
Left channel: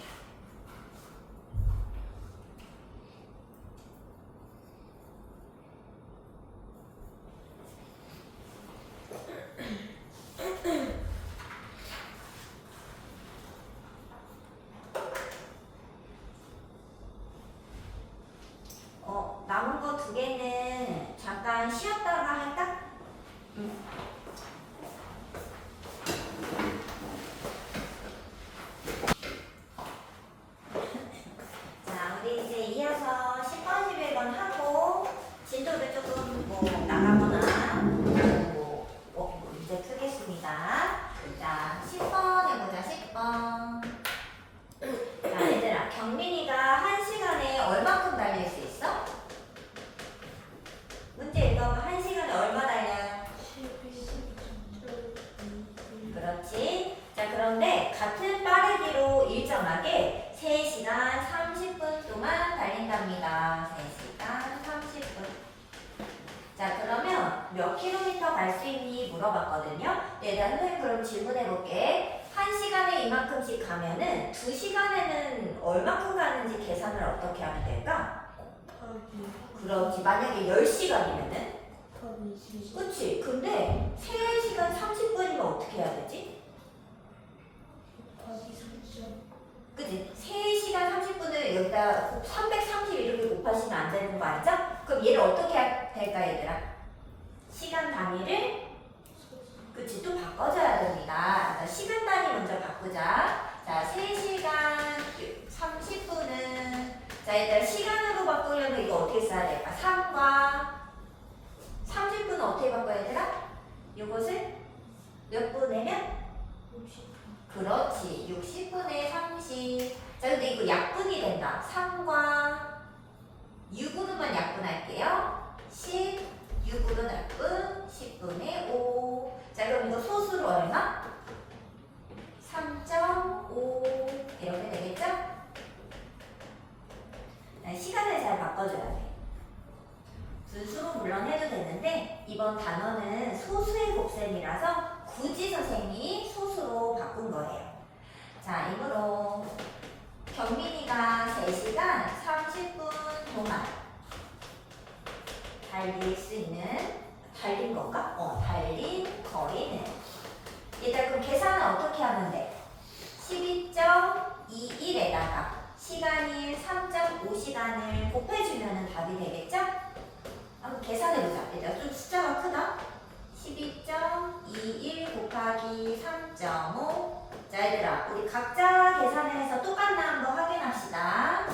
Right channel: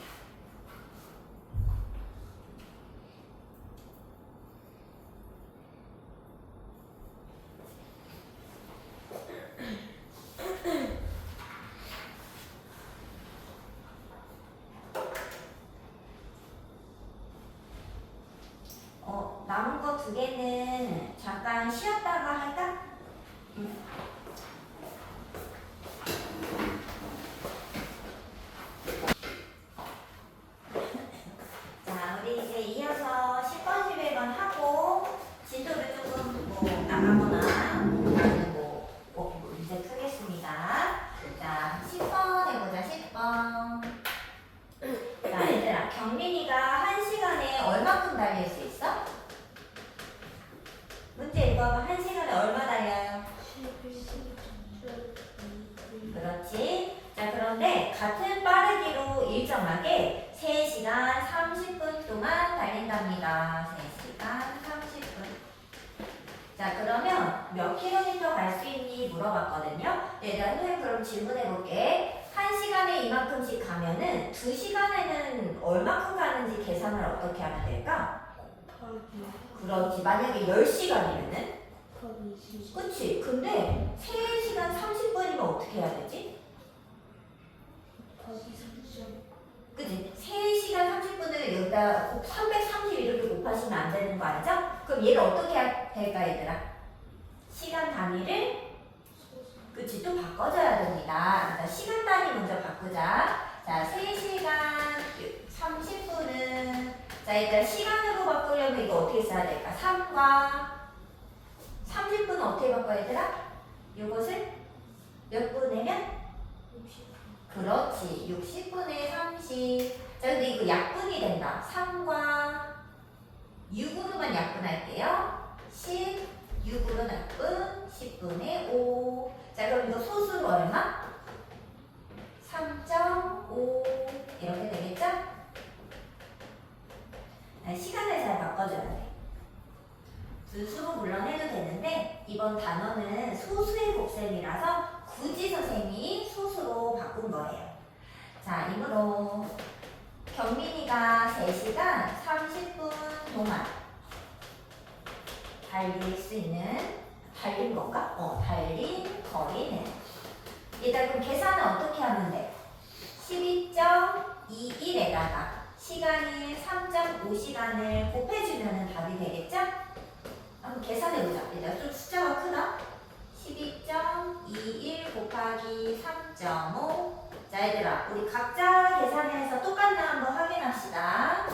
남은 거 2개는 잠깐 쉬었다가 할까? 자, 우리 이제 이어서 10번, 11번 하고 진도를 조금 나가거나 아니면 문제 풀겠습니다. 자, 10번 해보자, 10번. 자, 얘들아, 경민이가 1시간에 얼마큼 달릴 수 있어? 문제 읽어봐. 1시간에 얼마 달려요? 11.2. 그렇지. 자, 그런데 같은 빠르기로 일정하게 3시간 30분 동안 달린답니다. 3시간 30분. 자, 그러면 몇 킬로미터 갈 수 있니? 물어봤거든요. 네, 선생님 그럼 질문해볼게. 1시간에 이만큼씩 가면은 2시간에는 얼마큼 가는지 계산을 어떻게 하면 될까? 그렇지. 만약에 10시간이면은? 그치. 근데 3시간 30분이면 어떻게 해야 되지? 그치? 3시간 30분을 여기다 330 이렇게 곱하시면 안 되는 거 알죠? 그럼 얘를 어떻게 해야 될까, 얘들아? 시간 단위를 그치? 또 바꿔줘야 됩니다. 자, 시간 단위 먼저 바꾸자. 자, 3시간 30분은 자, 일단 시간으로 바꾸려면 이거 어떻게 써야 될까? 3과 30분은 어떻게 바꿔야 되라? 요것을 몇 분이면? 그렇지. 60분의 30. 자, 근데 이거 약분이 된다. 3과 6으로만 약분할게요. 10, 6으로 약분, 10분의 5. 자, 그럼 이거 소수로 얼마? 3.5 이렇게 되겠죠? 시간을 잘 바꿔줘야 돼. 순수로 물론 해도 되는데 이번 단어는 소수의 곱셈이라서 굳이 선생님이 소수로 바꾼 거예요. 자, 이므로 경민이가 3시간 30분 동안 달릴 수 있는 달린 건가? 달린 거리는 일단 그럼 계산은 어떻게 하면 돼? 12.21에다가 시간인 3.5시간을 곱해주면 답이 되겠죠? 한번 계산해보자. 일단 좀 숫자가 크다. 12.21 곱하기 3.5. 자, 얘들아, 우리 각자 계산해서 똑같나 한번 확인합시다.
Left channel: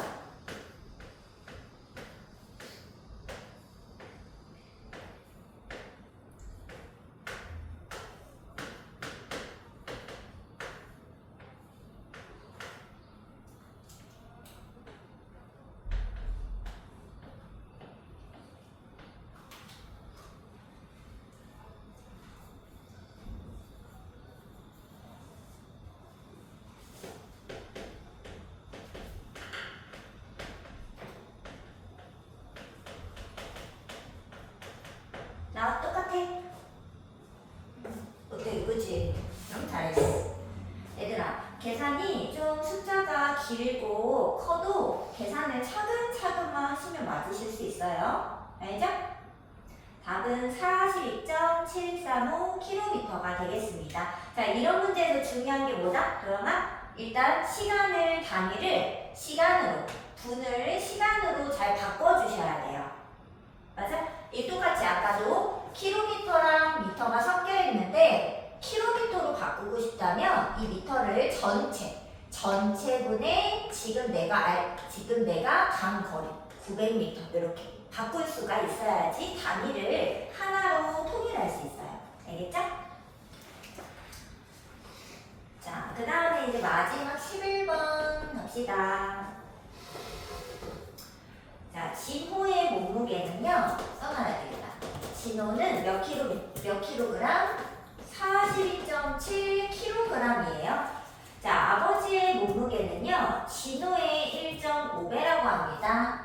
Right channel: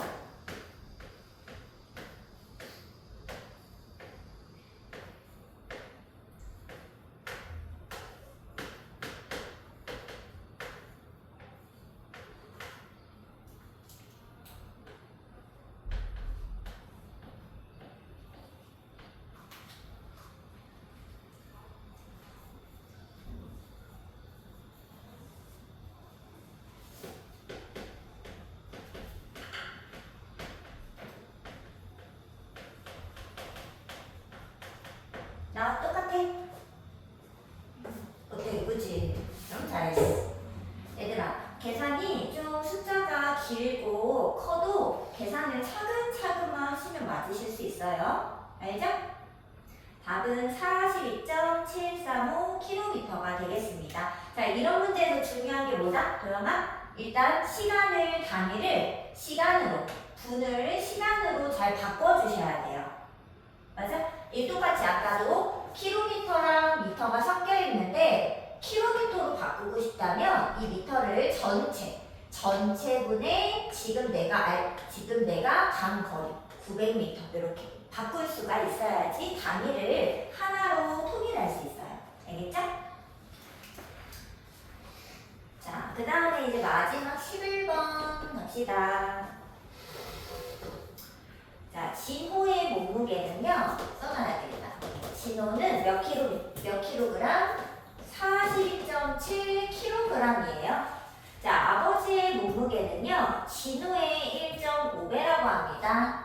나와 똑같아. 어때? 그치? 좀 잘했어. 얘들아, 계산이 좀 숫자가 길고 커도 계산을 차근차근만 하시면 맞으실 수 있어요. 알죠? 답은 42.735km가 되겠습니다. 자, 이런 문제에서 중요한 게 뭐다? 도영아? 일단 시간을 단위를 시간으로, 분을 시간으로 잘 바꿔주셔야 돼요. 맞아? 이 똑같이 아까도 킬로미터랑 미터가 섞여 있는데 킬로미터로 바꾸고 싶다면 이 미터를 전체분의 지금 내가 간 거리 900m 이렇게 바꿀 수가 있어야지 단위를 하나로 통일할 수 있어요. 알겠죠? 자, 그 다음에 이제 마지막 11번 갑시다. 자, 진호의 몸무게는요, 써놔야 되겠다. 진호는 몇 킬로그램? 42.7kg이에요. 자, 아버지의 몸무게는요, 진호의 1.5배라고 합니다.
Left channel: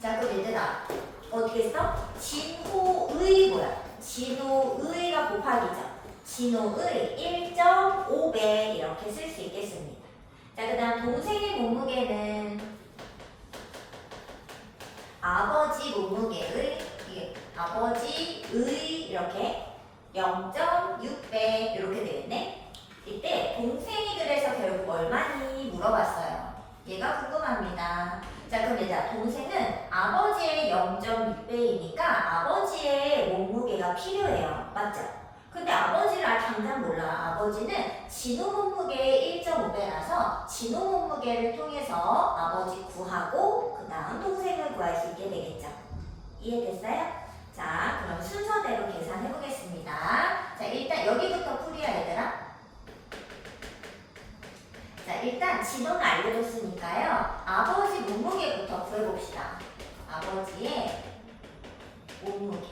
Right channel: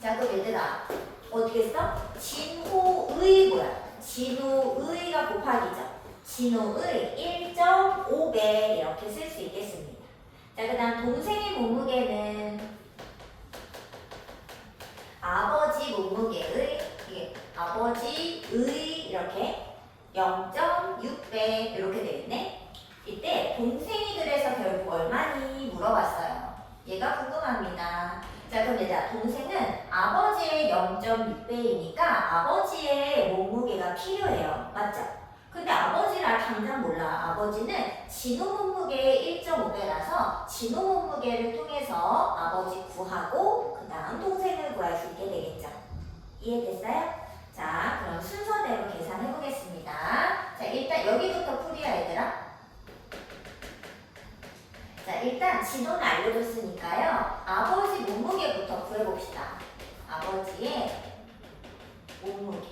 자, 그럼 얘들아, 어떻게 써? 진호의 뭐야? 진호의가 곱하기죠. 진호의 1.5배 이렇게 쓸 수 있겠습니다. 자, 그 다음 동생의 몸무게는 아버지 몸무게의 이렇게 0.6배 이렇게 되겠네. 이때 동생이 그래서 결국 얼마니 물어봤어요. 얘가 궁금합니다. 자, 그럼 얘들아, 동생은 아버지의 0.6배이니까 아버지의 몸무게가 필요해요. 맞죠? 근데 아버지를 당장 몰라. 아버지는 진호 몸무게의 1.5배라서 진호 몸무게를 통해서 아버지 구하고 그 다음 동생을 구할 수 있게 되겠죠. 이해됐어요? 자, 그럼 순서대로 계산해 보겠습니다. 자, 일단 여기부터 풀이야, 얘들아. 자, 자, 일단 지도는 알려줬으니까요. 아버지 몸무게부터 구해봅시다. 아버지의 몸무게.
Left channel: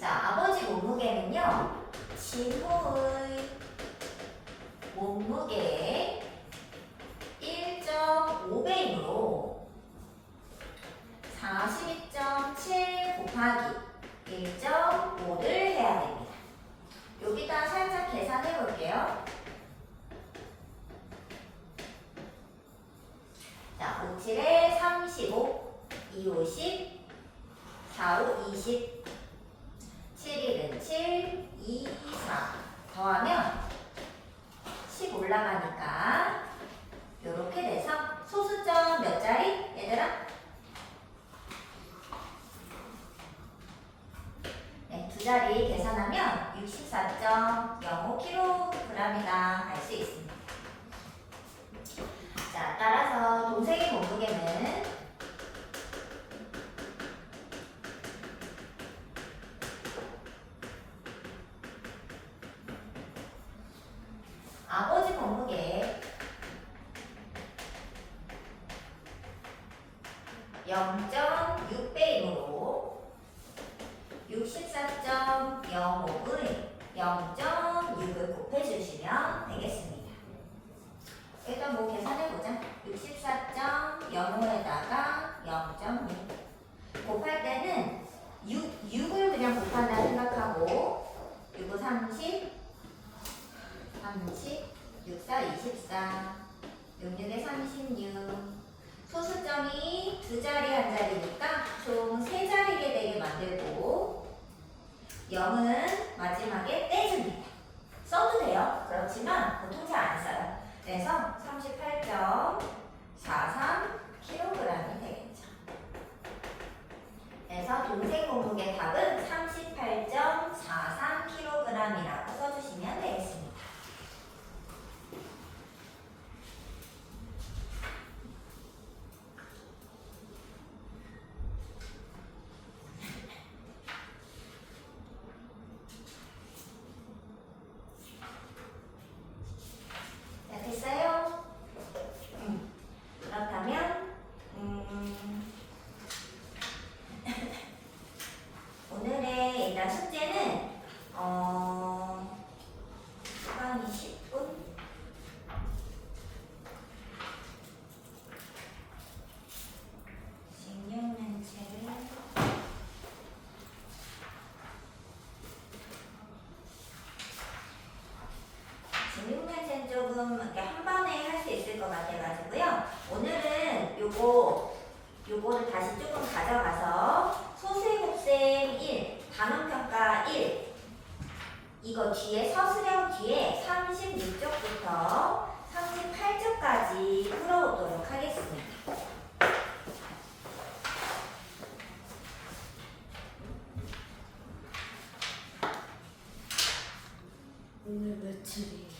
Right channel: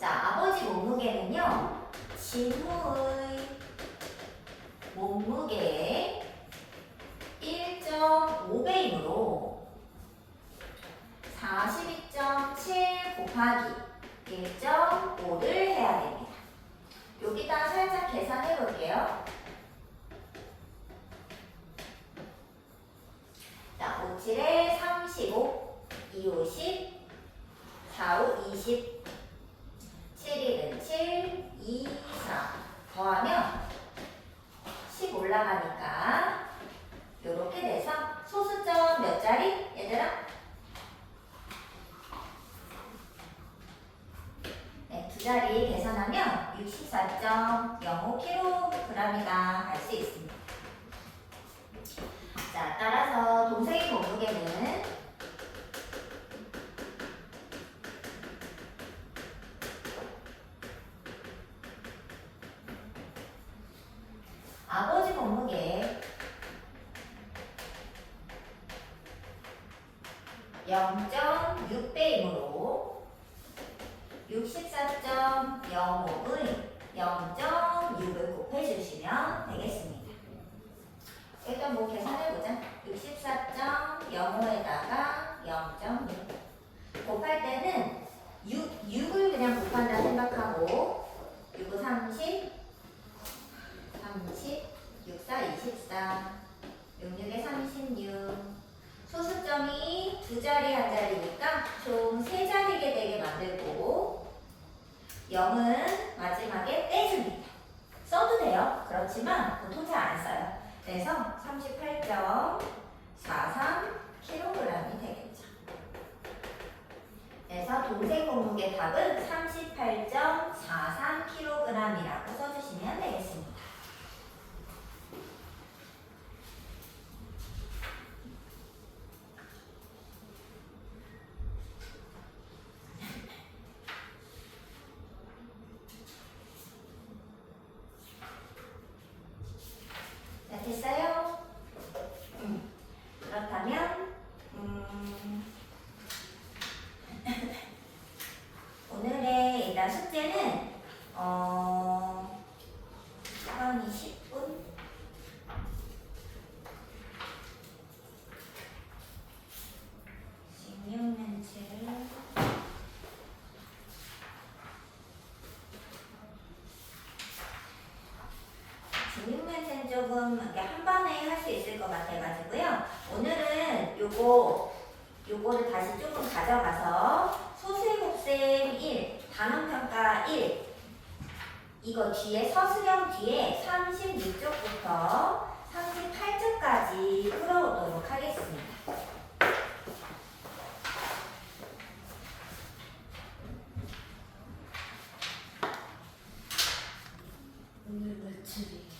자, 아버지 몸무게는요. 진우의 몸무게의 1.5배이므로 42.7 곱하기 1.5를 해야 됩니다. 여기다 살짝 계산해 볼게요. 자, 5, 7에 35, 2, 5, 10, 4, 5, 20, 7, 1은 7, 2, 4 더하면 10 올라가니까 요렇게 돼서 소수점 몇 자리? 얘들아? 네, 두 자리 계산하면 64.05kg이다 할 수 있습니다. 자, 따라서 동생의 몸무게는 아버지 몸무게 0.6배이므로 64.05의 0.6을 곱해주시면 되겠습니다. 일단 뭐 계산해보자. 64.05에다가 0.6 곱할 때는 6을 그냥 곱한다 생각하고 6은 30, 64, 24, 66에 36 소수점이 두 자리 한 자리니까 총 세 자리게 되게 만들고 0은 마지막에 떼줍니다. 써도 돼요. 그렇지만 보통 잘 안 써요. 그래서 38.43kg이 되겠죠. 그래서 동생 몸무게 답은 38.43kg이라고 써주시면 되겠습니다. 자, 됐어요? 그렇다면 오늘의 일단 숙제는 시간이 10분 식용면체를 식용면체는 조금 이렇게 한 번에 할 수 있을 것 같아가지고요. 오늘은 요거를 다시 조금 가져가서 소수의 곱셈 1, 단원평가 1 이거 뒤에 서술형 뒤에 36쪽부터 38쪽까지 풀어보도록 하겠습니다. 오늘 며칠이에요?